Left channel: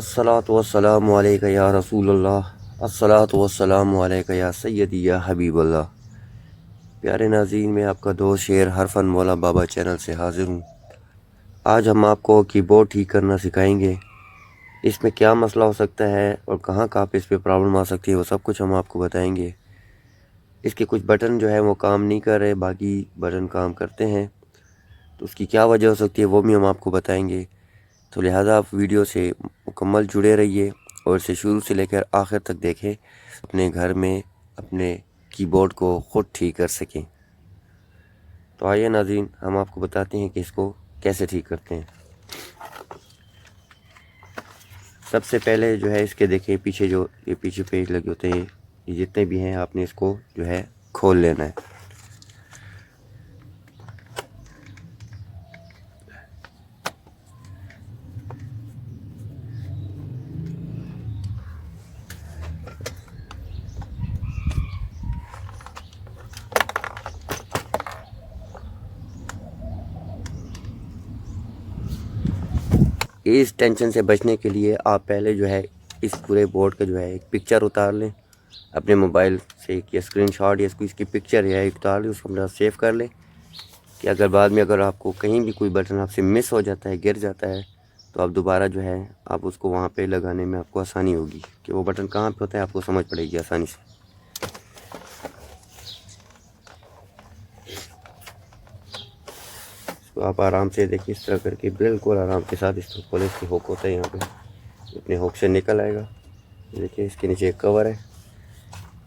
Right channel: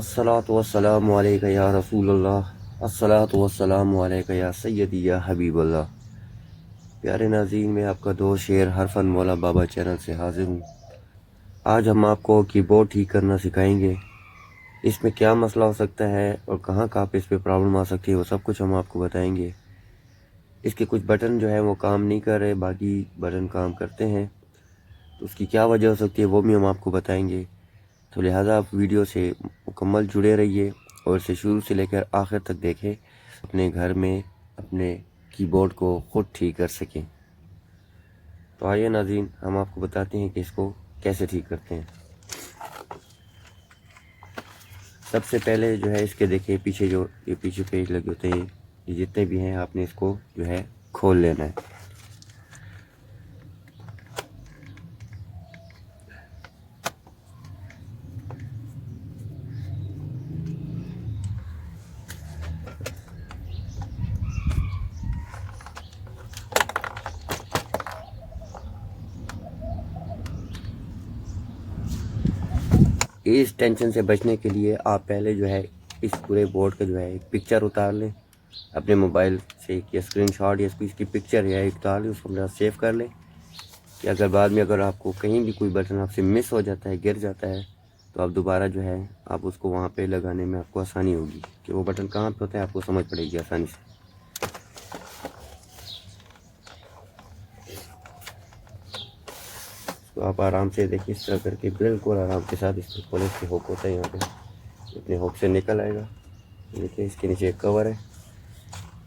अस्सलातु वस्सलामु अलैका या रसूलल्लाह, अस्सलातु वस्सलामु अलैका या सय्यदी या हबीबल्लाह। प्यारे नाज़रीन, मैं आपका दोस्त शेर हरफन मौला बाबा चैनल से हाजिर हूँ। आज हम आपको कीबोर्ड ठीक करना सिखाएंगे। इसमें क्या मसला हो सकता है और कहाँ कहाँ पे इस पर प्रॉब्लम आ सकती है, वो सब कुछ हम आपको बताएंगे। इसके कुछ बटन जो है वो काम नहीं कर रहे, बाकी बटन काम करते हैं, तो उसकी क्या वजह हो सकती है वो भी हम आपको बताएंगे। तो लिहाजा आप वीडियो से मुकम्मल जुड़े रहिए और इसे शुरू से लेकर आखिर तक देखें, अपने घर में अपने कीबोर्ड को ख़ुद ठीक कर सकें। तो आइए नाज़रीन, हम आपको बताते हैं कि इसको कैसे ठीक करते हैं। सबसे पहले जो है इसके देखिए पीछे जो ये पीछे पेज लगे होते हैं, ये जितने भी हैं आपने इसको जो है खोल लेना है। इस टेंशन से बचने के लिए आप पहले जो है इस पूरे बोर्ड का जो है एक पिक्चर उतार लें अपने मोबाइल से, या स्क्रीनशॉट या इसकी पिक्चर है उतार लें, उसको अपना सेव कर लें कि अगर बाद में अगर आपको कहीं भी कोई बटन आपसे मिस हो जाता है, गिर जाता है, तो आप दोबारा जो है आप उसको वहाँ पे लगाने में आपको आसानी होगी कि वो बटन कहाँ पे होता है, आपको समझ पड़ेगी आसानी से। इसको आप आराम से देखिए, इस तरह करके बिल्कुल आराम के साथ इसको खोलें। इसके हुक होता है यहाँ पे, अपने हुक से निकल आएगा। देखिए इसके नीचे एक कवर है,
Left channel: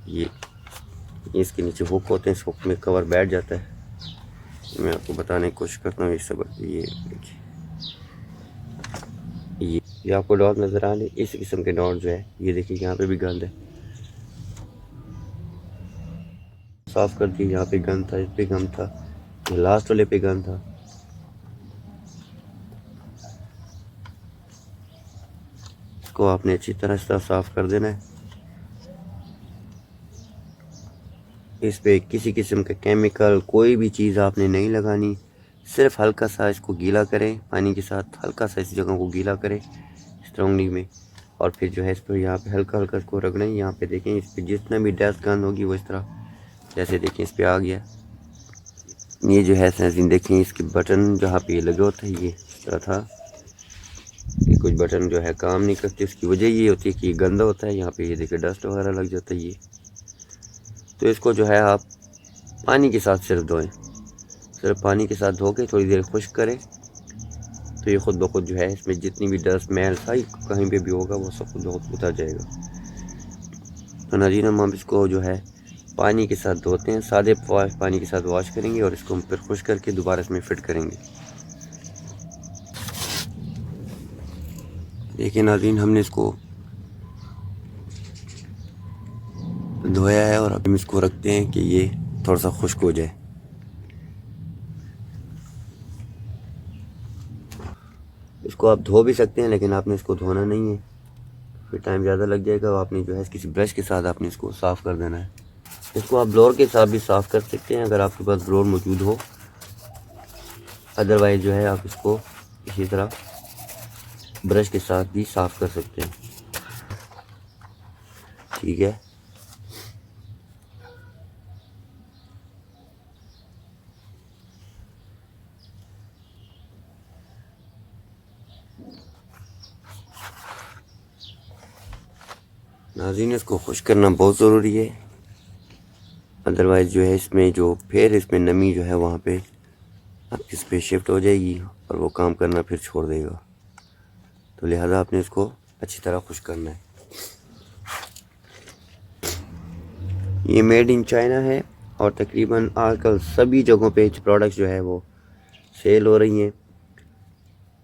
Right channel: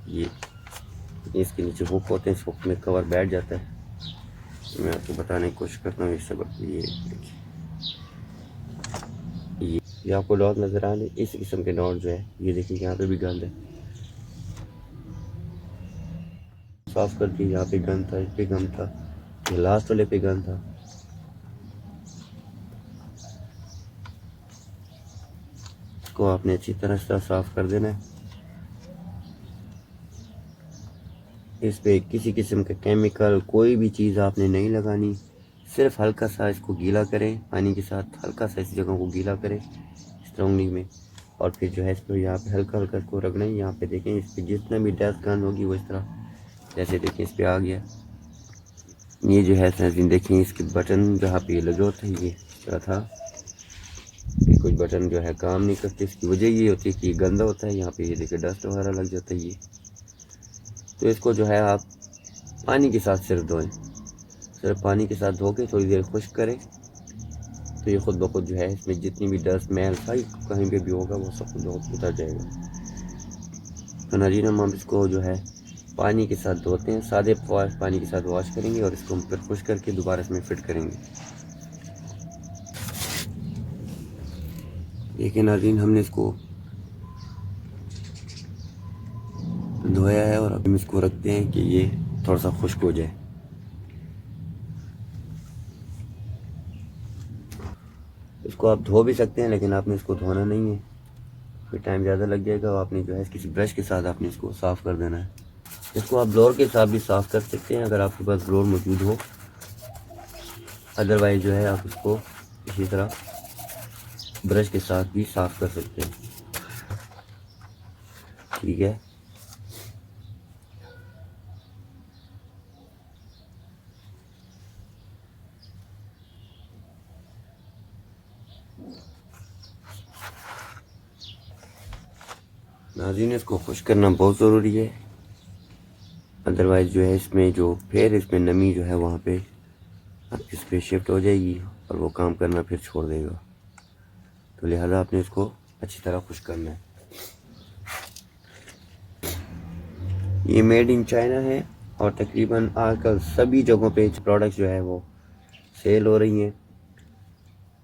ये इसके नीचे हुक होते हैं, इस हुक में कवर बैठ जाता है। मैं आपको बताने की कोशिश करता हूँ। इस सब ये देखिए, ये आपको डॉट नज़र आ रही, इस किस्म के डॉट जो है ये देखिए यहाँ पे भी गंद है, साफ कर दिए। यहाँ पे गंद था, इस पे गंद था, ये लास्ट वाले पे गंद था। इसको आपने अच्छी तरह से साफ कर देना है। इस पे किसी किस्म का केमिकल कोई भी चीज़ आपने नहीं लगानी, सिर्फ हल्का सा इसको गीला करें पानी के साथ, हल्का सा इस जगह को गीला करें इस उंगली में, और फिर जो है इस पर यहाँ पे हल्का हल्का इसको रगड़ें। यहाँ पे देखें इस पर जितना भी डस्ट गंद होगी वो इस तरह, जैसे देखें इस पर आ गया। ये जो है नाज़रीन देखें, इसके बटन जहाँ पे लगे होते हैं ये इस तरह था, ये कुछ बटन जो है काम नहीं करते। इसकी वजह ये होती है कि ये गंदा होता है, यहाँ पे ये देखिए डस्ट वगैरह लग जाता है ये। तो इसको जो है आप पानी के साथ सिर्फ धोएं, सिर्फ पानी के साथ धो के थोड़ी देर खुश्क करें, तो ये खुद ब खुद जो है इसमें जितनी भी डस्ट मैल था कहीं पे भी होगा वो सब कुछ उतर जाएगा। तो नाज़रीन हम इसको जो है पानी के साथ धोते हैं, सादे पानी के साथ वॉश करेंगे और इसको हम फिर खुश्क करके दोबारा इसमें फिट करेंगे। देखिए नाज़रीन, हमने इसको धोया है और अब हम इसको रखते हैं कि ये थोड़ा सा खुश्क हो जाए। इसको आप धो भी सकते हैं, लेकिन आपने इसको धोना नहीं है, फिर टाइम ज़्यादा लग जाएगा। आपने जो है किसी ब्रश के साथ आपने इसको साफ़ कर देना है। इसको आप ब्लोअर के साथ भी साफ़ कर सकते हैं अगर आपके पास ब्लोअर मौजूद हो, अदरवाइज़ जो है आप इसको इसी तरह ब्रश के साथ भी साफ़ कर सकते हैं। ठीक है, नाज़रीन इसको खुश्क करना बहुत ज़रूरी है, अदरवाइज़ जो है इसमें जो फिर इसमें नमी जो है वहाँ पे इस पे शिफ्ट हो जाएगी और वो काम करना फिर छोड़ देगा। तो लिहाजा आपने इसको अच्छी तरह खुश्क करना है। ये मेड इन चाइना है और तकरीबन आजकल सभी जगहों पे प्रोडक्ट्स जो है वो सेल हो रही हैं।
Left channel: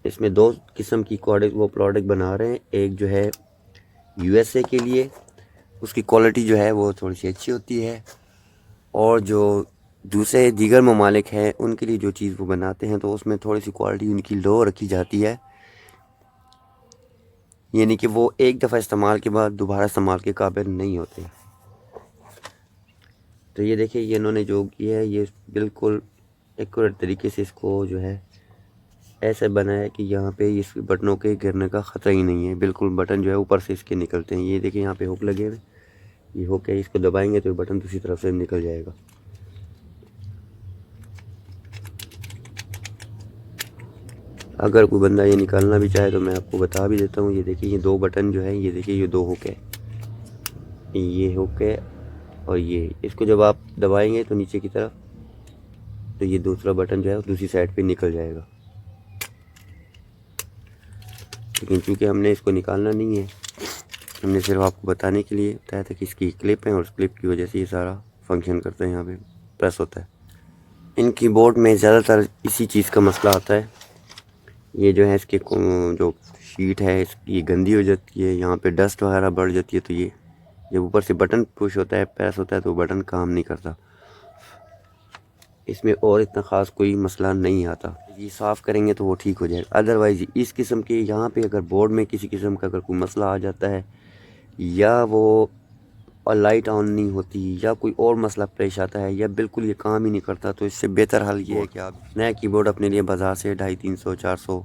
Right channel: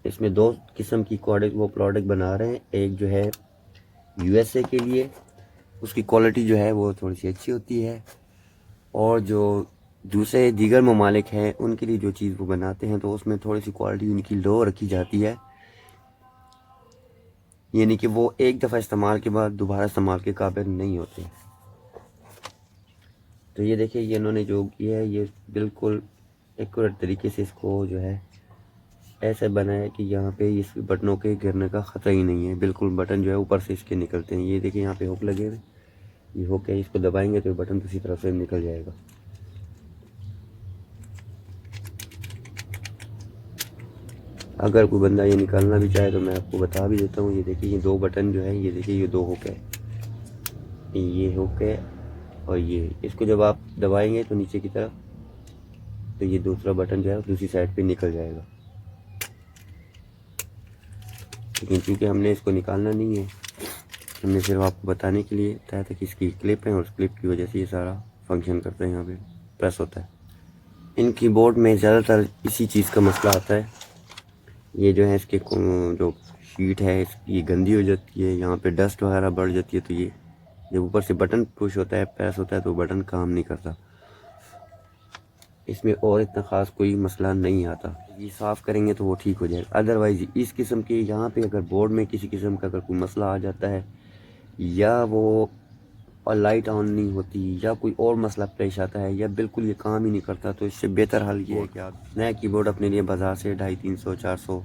इसमें दो किस्म की वो प्रोडक्ट बना रहे हैं, एक जो है यूएसए के लिए, उसकी क्वालिटी जो है वो थोड़ी सी अच्छी होती है, और जो दूसरे दीगर ममालिक हैं उनके लिए जो चीज़ वो बनाते हैं तो उसमें थोड़ी सी क्वालिटी उनकी लो रखी जाती है, यानी कि वो एक दफ़ा इस्तेमाल के बाद दोबारा इस्तेमाल के काबिल नहीं होते। तो ये देखिए, ये इन्होंने जो किया है ये बिल्कुल एक्यूरेट तरीके से इसको जो है ऐसे बना है कि यहाँ पे इस बटनों के गिरने का ख़तरा ही नहीं है, बिल्कुल बटन जो है ऊपर से इसके निकलते हैं। ये देखिए यहाँ पे हुक लगे हुए, ये हुक है, इसको दबाएंगे तो बटन दूसरी तरफ से निकल जाएगा। अगर कोई बंदा ये निकालना भी चाहे तो मैं आपको बता भी देता हूँ। ये देखिए ये 2 बटन जो है, ये देखिए ये 2 हुक है, ये हुक है और ये, इसको जब आप दबाएंगे तो नीचे की तरफ, तो ये दूसरा बटन जो है दूसरी साइड पे निकल जाएगा। लेकिन चूँकि हमने इसको निकालना नहीं है, हमने सिर्फ आपको बताने के लिए बताया था कि इसकी क्लिप है और उस क्लिप की वजह से ये सारा फंक्शन करता है, यहाँ पे प्रेस होता है। इन कीबोर्ड में ज़्यादातर इसी चीज़ का मसला आता है। ये जो है इसके जो शीट है ये गंदी हो जाती है, यहाँ पे डस्ट वगैरह बढ़ जाती है, तो ये जब ऊपर से बटन पुश होता है, प्रेस होता है, तो बटन काम नहीं करता। इसमें और इतना ख़ास कोई मसला नहीं आता, ये साफ़ करेंगे तो वो ठीक हो जाएगा। अदरवाइज़ इस किस्म के यहाँ पे अगर बोर्ड में किसी किस्म का अगर कोई मसला आ जाता है, या वो लाइट ऑन नहीं होती, या कोई और मसला पेश आता है, या बिल्कुल ये काम ही नहीं करता, तो इससे बेहतर हल ये है कि आप नया कीबोर्ड अपने लिए बाज़ार से 250, 300, 400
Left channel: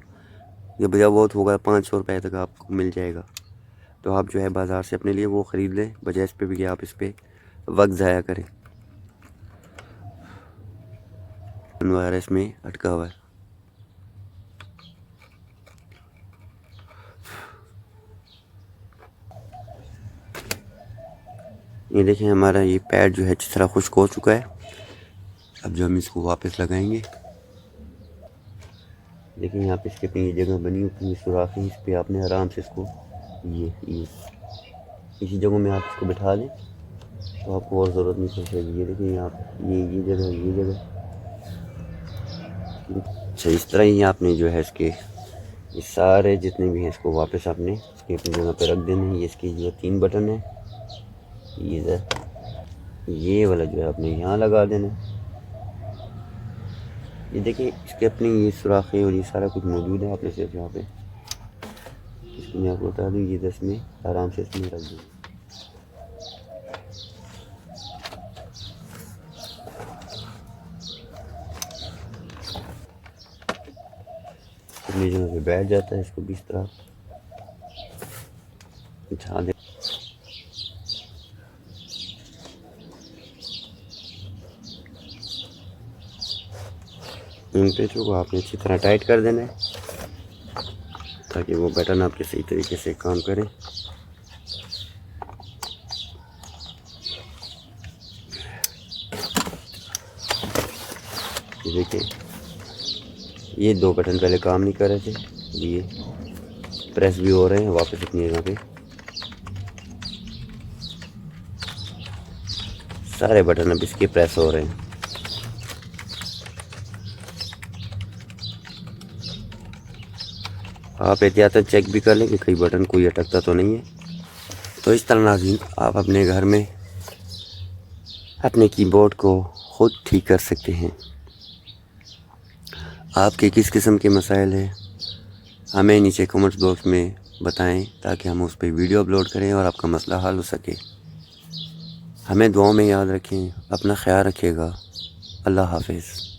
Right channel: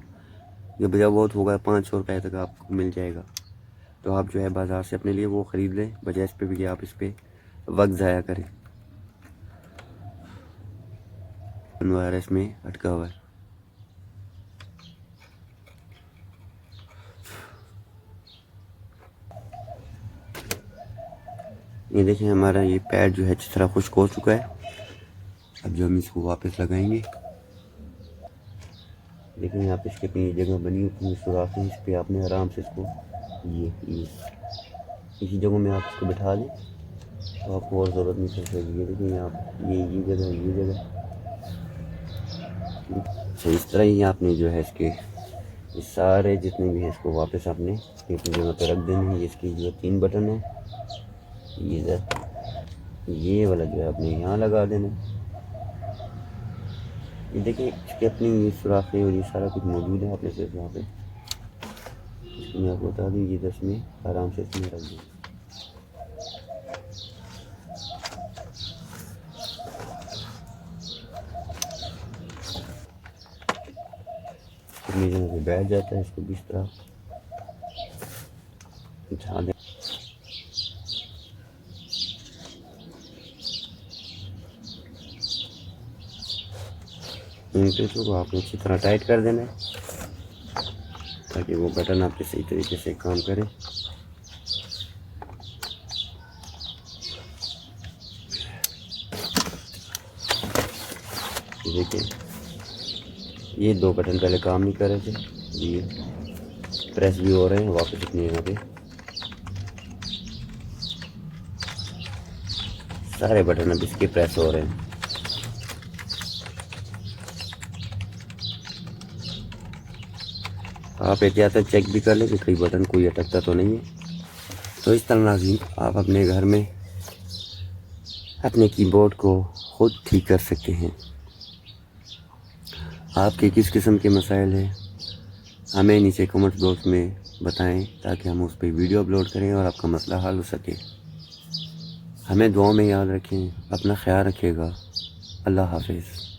या बजा बहुत होगा 500 रुपये तक आपको मिल जाएगा। तो आप जो है बाज़ार से अपने लिए वो ख़रीद लें, बजाय इस पर भी कि आप इस पर वक्त ज़ाया करें। वायर इसमें अटका हुआ है। ये देखें हमारा ये पैड जो है अच्छी तरह खुश्क हो चुका है। अब जो हम इसको वापस लगाएंगे, देखें यहाँ पे इसके अपनी जगह बनी हुई सुराख है, इस पर आपने आराम से इसको ये इसी जगह में आप इसको बिठा दें तो आपको और ज़रूरत नहीं पड़ेगी। ये देखें यहाँ ये जगह अच्छा, इस तरह ही आपने जो है इसके ये सारे जितने भी हैं इसको वापस आपने अपनी जगह पर रख देने हैं। ये इसकी जो 3 बटन है, ये वाला जो है आपने यहाँ लगा देना। ये देखिए इसके अपनी ये सुराखें और ये सारा कुछ मौजूद है। आपने सिर्फ यहाँ पे इसको मैं आपको बता दूँ, ये 10 में आराम से इसमें रख दूँ। अपनी जगह पे बैठ जाता है, इसको भी इस तरह उठा दें। इन पेचों को आपने अच्छी तरह टाइट कर देना है ताकि वो बटन आपके सही तरीके से काम करें। देखिए ये 2 बटन पहले काम नहीं कर रहे थे, ये प्रेस भी हो रहे हैं वापस अपनी जगह पे। सारे बटन अब इसके प्रेस हो रहे हैं। आप एहतियातन चेक भी कर लें कि कई बटन कोई अटकता तो नहीं है। तो इस तरह नाज़रीन आप अपने घर में अपने कीबोर्ड को खुद ठीक कर सकते हैं। आपके किस किस्म के मसाइल हैं हमें नीचे कमेंट्स बॉक्स में बताएं ताकि हम उस पर वीडियो अपलोड करें और आपका मसला हल हो सके। हमें दुआओं में याद रखें, अपना ख्याल रखिएगा। अल्लाह हाफिज़।